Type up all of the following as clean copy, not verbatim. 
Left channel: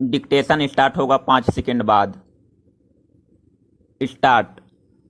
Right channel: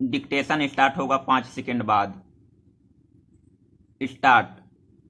Dictation start होगा 5 second बाद। Start.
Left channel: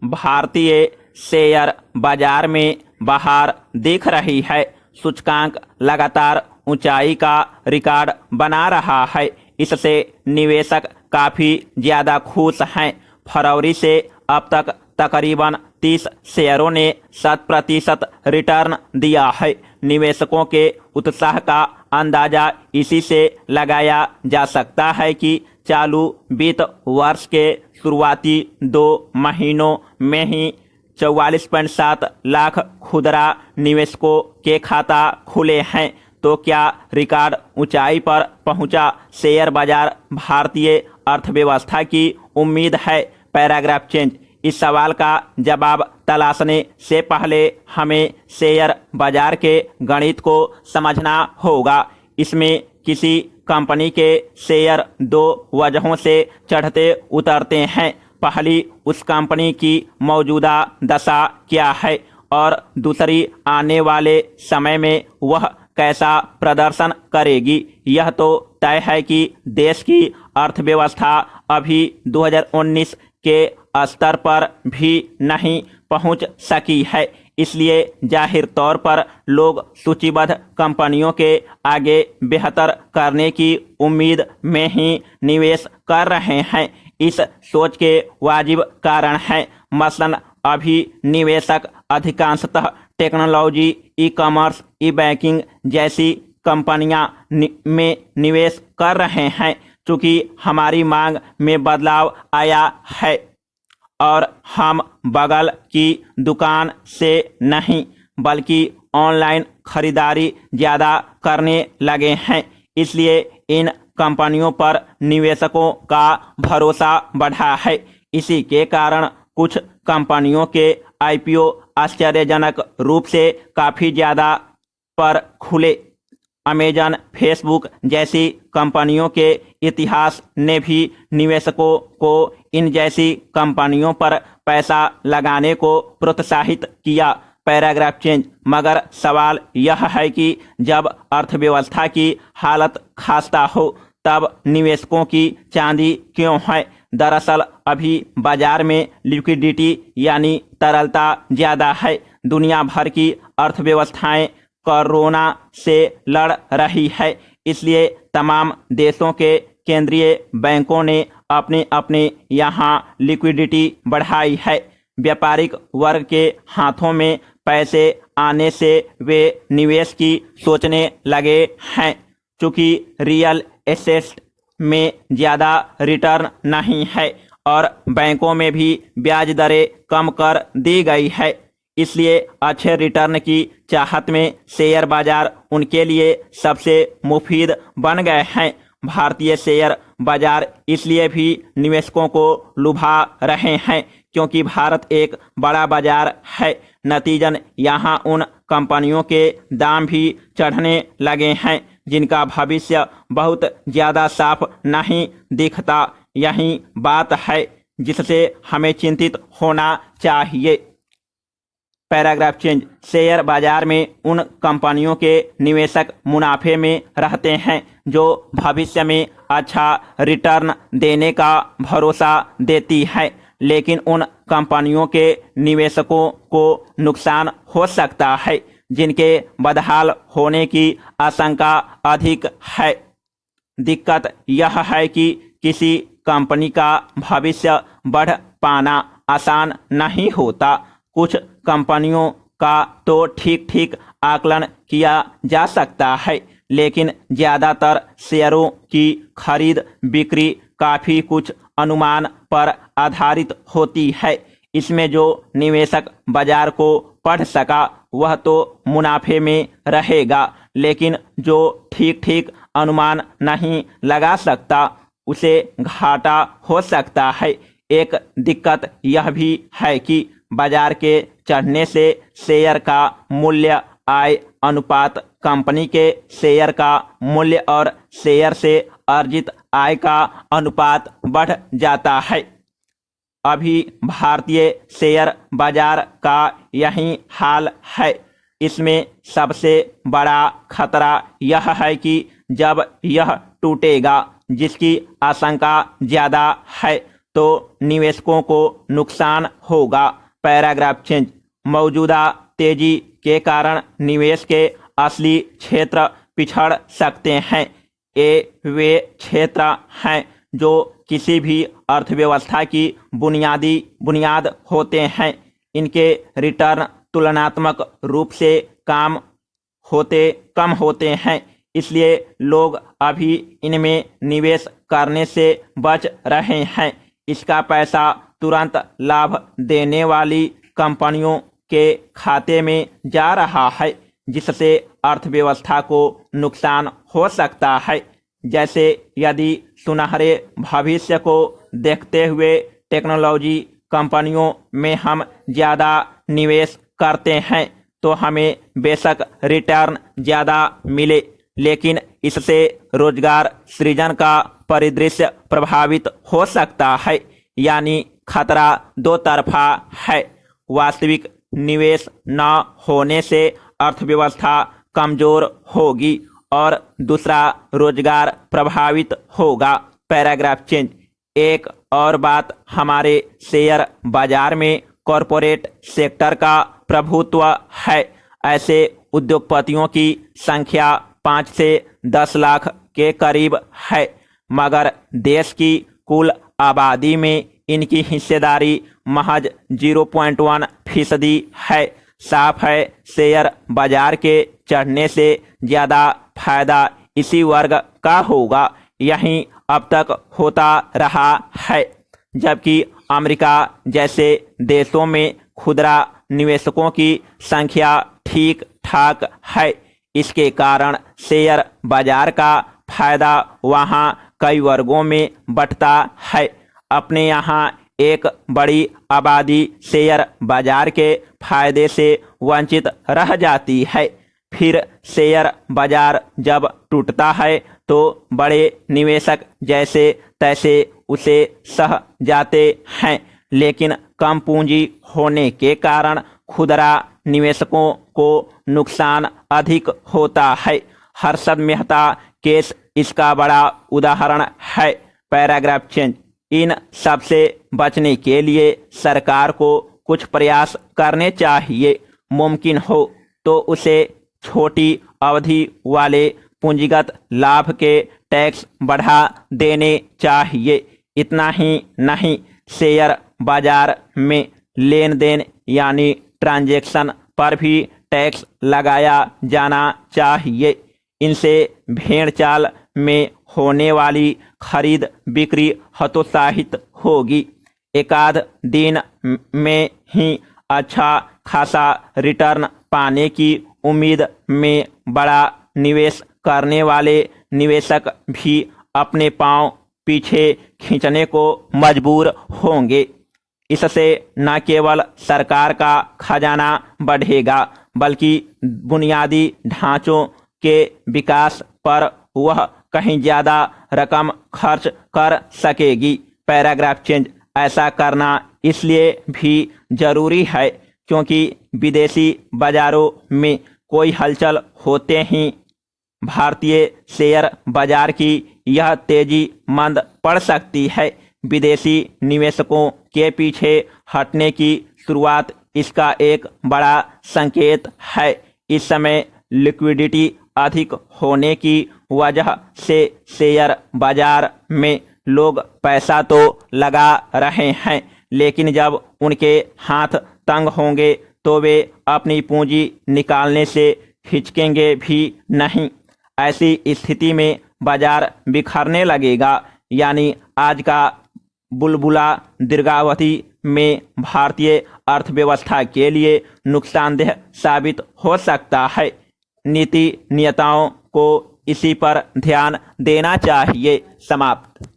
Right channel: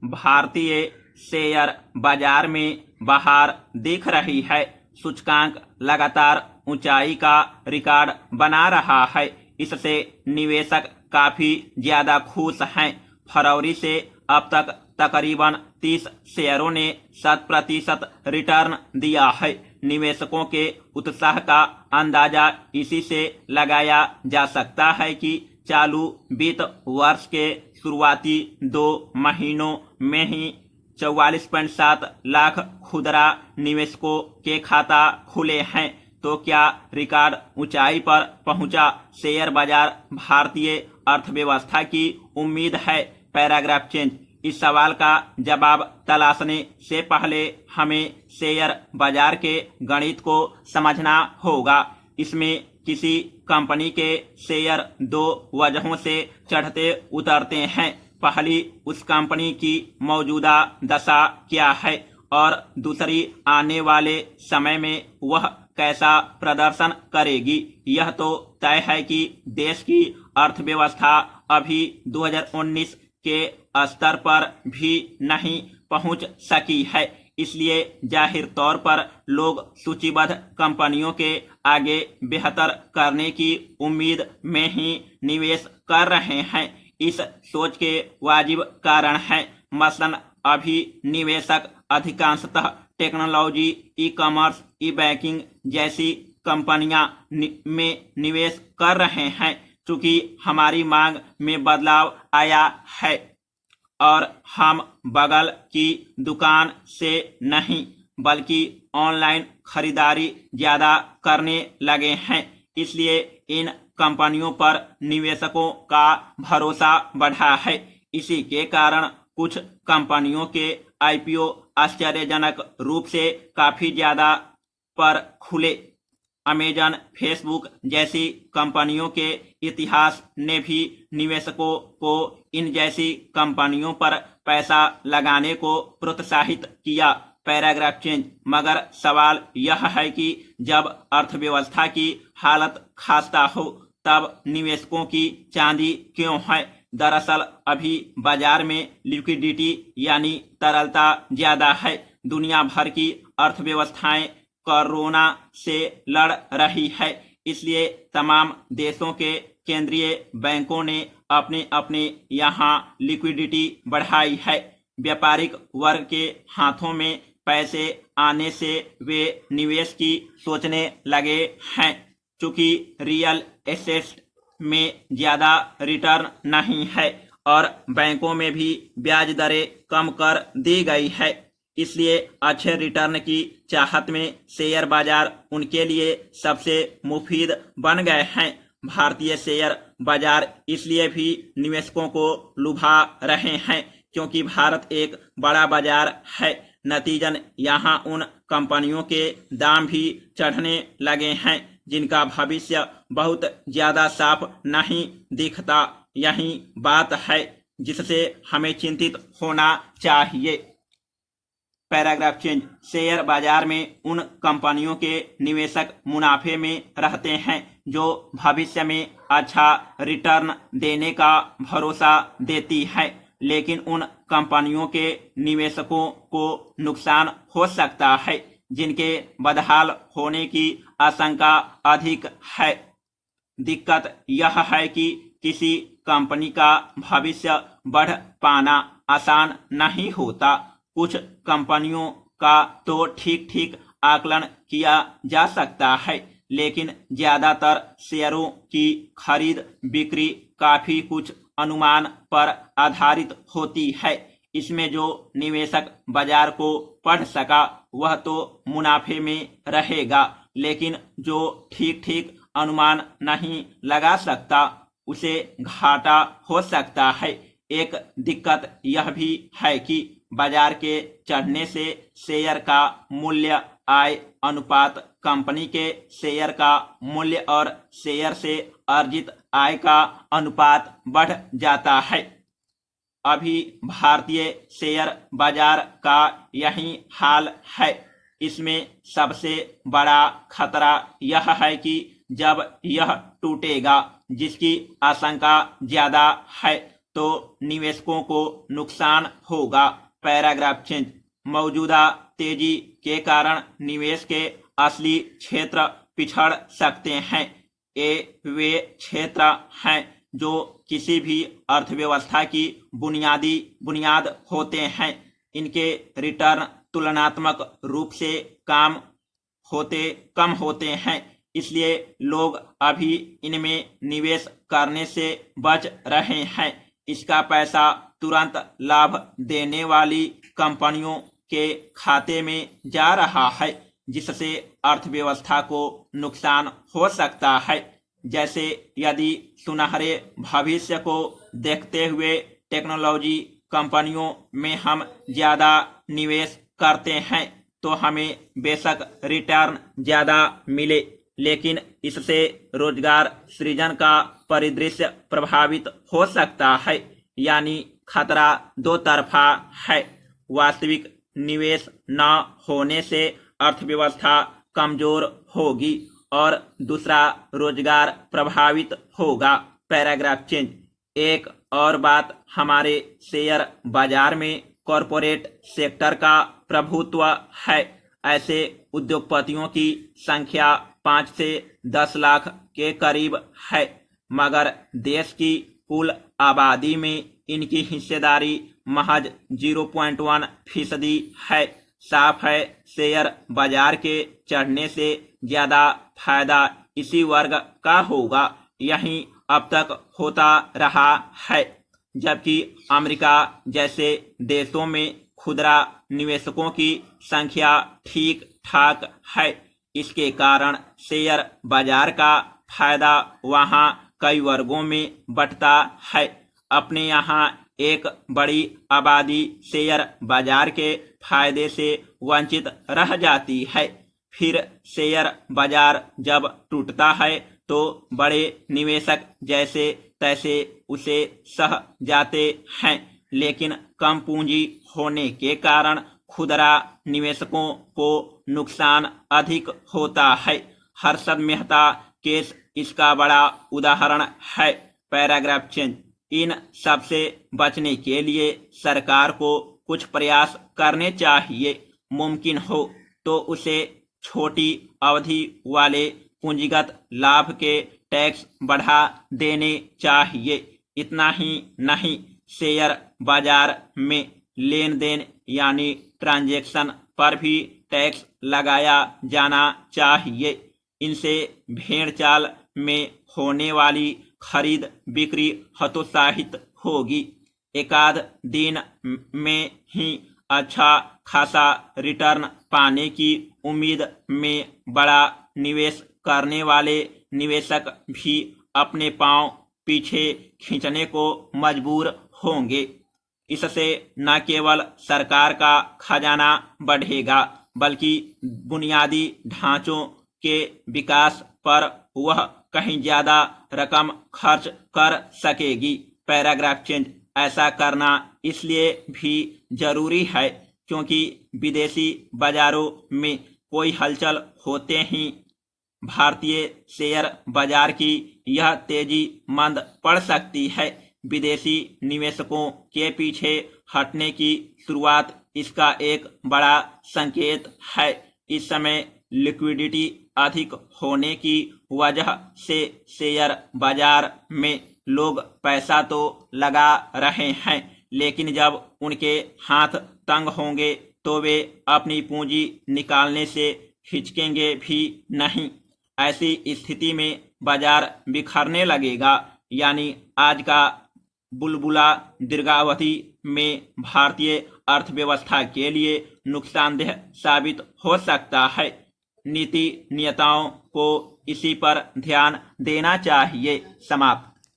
भारतीय शेयर बाजार में बहार दिख रही है। सूचकांक लगातार ऊंचाई का रिकॉर्ड बना रहा है। इससे निवेशक काफी ज्यादा खुश हैं। फरवरी से अब तक तकरीबन 30 शेयरों ने 7% रिटर्न दिया है। निवेशकों के उत्साह का अंदाजा इसी से लगाया जा सकता है कि चालू वित्त वर्ष के शुरुआती 2 महीनों में ही 44.7 लाख खुदरा निवेशकों के खाता खुले हैं। तो क्या रिकॉर्ड ऊंचाई पर पहुंचा शेयर बाजार भारतीय अर्थव्यवस्था की उम्मीद है? Paragraph change. इस सवाल का जवाब तलाशने से पहले हमें शेयर बाजार के गणित को समझना होगा। इसमें किसी कंपनी के शेयर दो वजहों से चढ़ते उतरते हैं। पहली, उस कंपनी की मौजूदा दशा क्या है, और दूसरी, आने वाले समय में वह कैसा प्रदर्शन करेगी। यह तो तय है कि देश की अर्थव्यवस्था अभी 2019 के स्तर पर भी नहीं पहुंच सकी है। इसलिए जाहिर तौर पर लोग सूचीबद्ध कंपनियों के आगे बेहतर करने की उम्मीद में ही निवेश कर रहे हैं। इस सोच के वाजिब कारण हैं। मसलन अभी निवेशक अधिकांशतः टेक्नोलॉजी, ई कॉमर्स, ई बैंकिंग जैसी कंपनियां में निवेश कर रहे हैं। चूंकि हमारी मांग में बदलाव आया है और हम बगल की दुकान से नहीं बल्कि ऑनलाइन खरीदारी ज़्यादा करने लगे हैं, इसलिए इन कंपनियों पर निवेशकों का भरोसा बढ़ा है। इसी के कारण कुछ कंपनियों के आईपीओ आश्चर्यजनक रूप से काफ़ी ज़्यादा पर खुले। अमेजन, फेसबुक जैसी कंपनियों के इतिहास ने भी निवेशकों को इन जैसी कंपनियों पर पैसा लगाने को प्रोत्साहित किया। Paragraph change. मगर सवाल यह है कि जब अर्थव्यवस्था की हालत खस्ता हो तब निवेशकों की चांदी क्यों है? दरअसल अभी बाजार में लिक्विडिटी यानी तरलता ज़्यादा है। दुनिया भर की अर्थव्यवस्थाएं कोरोना से लड़ रही है, इसलिए तमाम देशों के केंद्रीय बैंकों ने अपने अपने यहाँ लिक्विडिटी बढ़ाई है। व्यापारिक वर्ग के हाथों में पैसे आने से वे निवेश की सोचने लगे हैं। चूंकि रियल एसेट में ज़्यादा रिटर्न नहीं है और बैंकों में भी ब्याज दरें कम कर दी गई है, इसलिए अच्छे रिटर्न की चाहत में शेयर बाजार उनके लिए सबसे मुफीद बन गए हैं। भारतीय शेयर बाजार इसलिए भी निवेशकों को लुभा रहे हैं क्योंकि भारत एक बड़ा बाजार है। नतीजन यहाँ उन कंपनियों के दाम भी चढ़ने लगे हैं जिनका भविष्य बहुत ज़्यादा साफ नहीं दिखता। यही बात है जिससे हमें चिंतित होना चाहिए। Paragraph change. शेयर बाजार में उन कंपनियों के निवेशक मुनाफे में रहते हैं जो भविष्य में अच्छा रिटर्न देने का भरोसा देती है, लेकिन उन कंपनियों के निवेशकों को नुकसान हो सकता है जिनके बदहाल होने की आशंका अधिक है। दिक्कत यह है कि किसी कंपनी का भविष्य बढ़ पाना आसान नहीं होता। कुछ कंपनियों का तो ठीक ठीक आकलन किया जा सकता है, लेकिन ज़्यादातर शेयरों की खरीद बिक्री काफ़ी कुछ अनुमान पर आधारित होती है। इसमें जो निवेशक बाजार को पढ़ सका वह तो मुनाफे में रहेगा, लेकिन जो ठीक ठीक अनुमान नहीं लगा सकता उसे घाटा हो सकता है। एक दिक्कत यह भी है कि बाजार के चढ़ने से शेयर का मूल्य आय अनुपात कंपनी के शेयर का मूल्य और शेयर से अर्जित आय का अनुपात बढ़ जाता है। अभी भारतीय शेयर बाजार का यही हाल है। इसमें सबसे बड़ा खतरा यह है कि जब यह टूटेगा, जिसकी आशंका ज्यादा है, तो निवेशकों को नुकसान होगा। Paragraph change. मौजूदा तेजी के कारण निवेश के असली क्षेत्र पिछड़ सकते हैं। ये वे क्षेत्र हैं जो किसी भी अर्थव्यवस्था की बुनियाद होते हैं। इनके रिटर्न तुलनात्मक रूप से कम होते हैं, इसलिए लोग अभी इनमें निवेश करने से बच रहे हैं। इसका पैसा तुरंत लाभ देने वाली कंपनियों के खाते में जा रहा है, जिससे अर्थव्यवस्था को नुकसान हो सकता है। जैसे यदि सुनहरे भविष्य को देखते हुए टेक्नोलॉजी कंपनियों में हम ज़्यादा निवेश करते हैं, तो हमें बेशक रिटर्न ज़्यादा मिले, लेकिन इससे रोजगार सृजन का परिदृश्य प्रभावित हो सकता है। यानी खतरा दो तरफा है। वास्तविक निवेश न होने से अर्थव्यवस्था कमजोर होगी और दूसरा रोजगार प्रभावित होगा। Paragraph change. एक और बात, हमारे शेयर बाजार में कॉरपोरेट सेक्टर का प्रभुत्व है। ऐसे उद्योगपतियों की संख्या 5 से 10 लाख के करीब है, मगर देश की कुल आबादी में इनकी हिस्सेदारी महज 0.1% है। साफ है, शेयर बाजार के चढ़ने से ज्यादा फायदा इसी वर्ग का होगा। यही अब तक होता रहा है। जबकि अमेरिका जैसे देशों में खुदरा निवेशकों की संख्या ठीक ठाक है। इसके कारण शेयर बाजार का फायदा वहां कई वर्गों में बंटता है। अपने यहाँ एक बड़ी आबादी शेयर बाजार के फायदे से वंचित रह जाती है। फिर शेयर बाजार जब टूटता है तो बड़े निवेशक जैसे तैसे उसे सह जाते हैं, लेकिन कम पूंजी होने के कारण खुदरा निवेशकों को नुकसान अधिक होता है। हर्षद मेहता केस इसका बड़ा उदाहरण है। Paragraph change. इन सब से बचने के लिए सरकार को कुछ प्रयास करने चाहिए। मुमकिन हो तो उसे छोटी अवधि वाले पूंजीगत लाभ के टैक्स बढ़ा देने चाहिए। इतना ही नहीं, शेयर बाजार में लेन देन यानी ट्रांजैक्शन पर भी टैक्स लगाया जाना चाहिए। इनसे भेड़ चाल में होने वाली खरीद बिक्री हतोत्साहित होगी। एकाध दिन में ही अच्छा खासा रिटर्न पाने की उम्मीद में बड़ा निवेश करने वाले निवेशक भी अपने पांव पीछे खींचने को मजबूर होंगे। इससे न केवल सरकार का खजाना बढ़ेगा, बल्कि बुनियादी ढांचों के विकास पर वह कहीं ज्यादा रकम खर्च कर सकेगी। Paragraph change. ऐसा करना इसलिए भी जरूरी है क्योंकि विदेशी बाजारों में कोई हलचल होते ही भारतीय शेयर बाजार की यह तेजी मंद पड़ सकती है। विदेशी निवेशकों के पीछे हटने की शुरुआत इसका एक बड़ा संकेत है। इस समय लिक्विडिटी अधिक होने की वजह से शेयर बाजार में लोग पैसा तो लगा रहे हैं, लेकिन जब उनके हाथ तंग होंगे तो वे अपनी पूंजी निकालने से हिचकेंगे भी नहीं। ऐसी स्थिति में बाजार बिखरने लगेगा। यानी आज का बुलबुला दीर्घावधि में भारतीय अर्थव्यवस्था के लिए नुकसानदेह साबित हो सकता है। नीति नियताओं को इसी पर ध्यान देना चाहिए। समाप्त।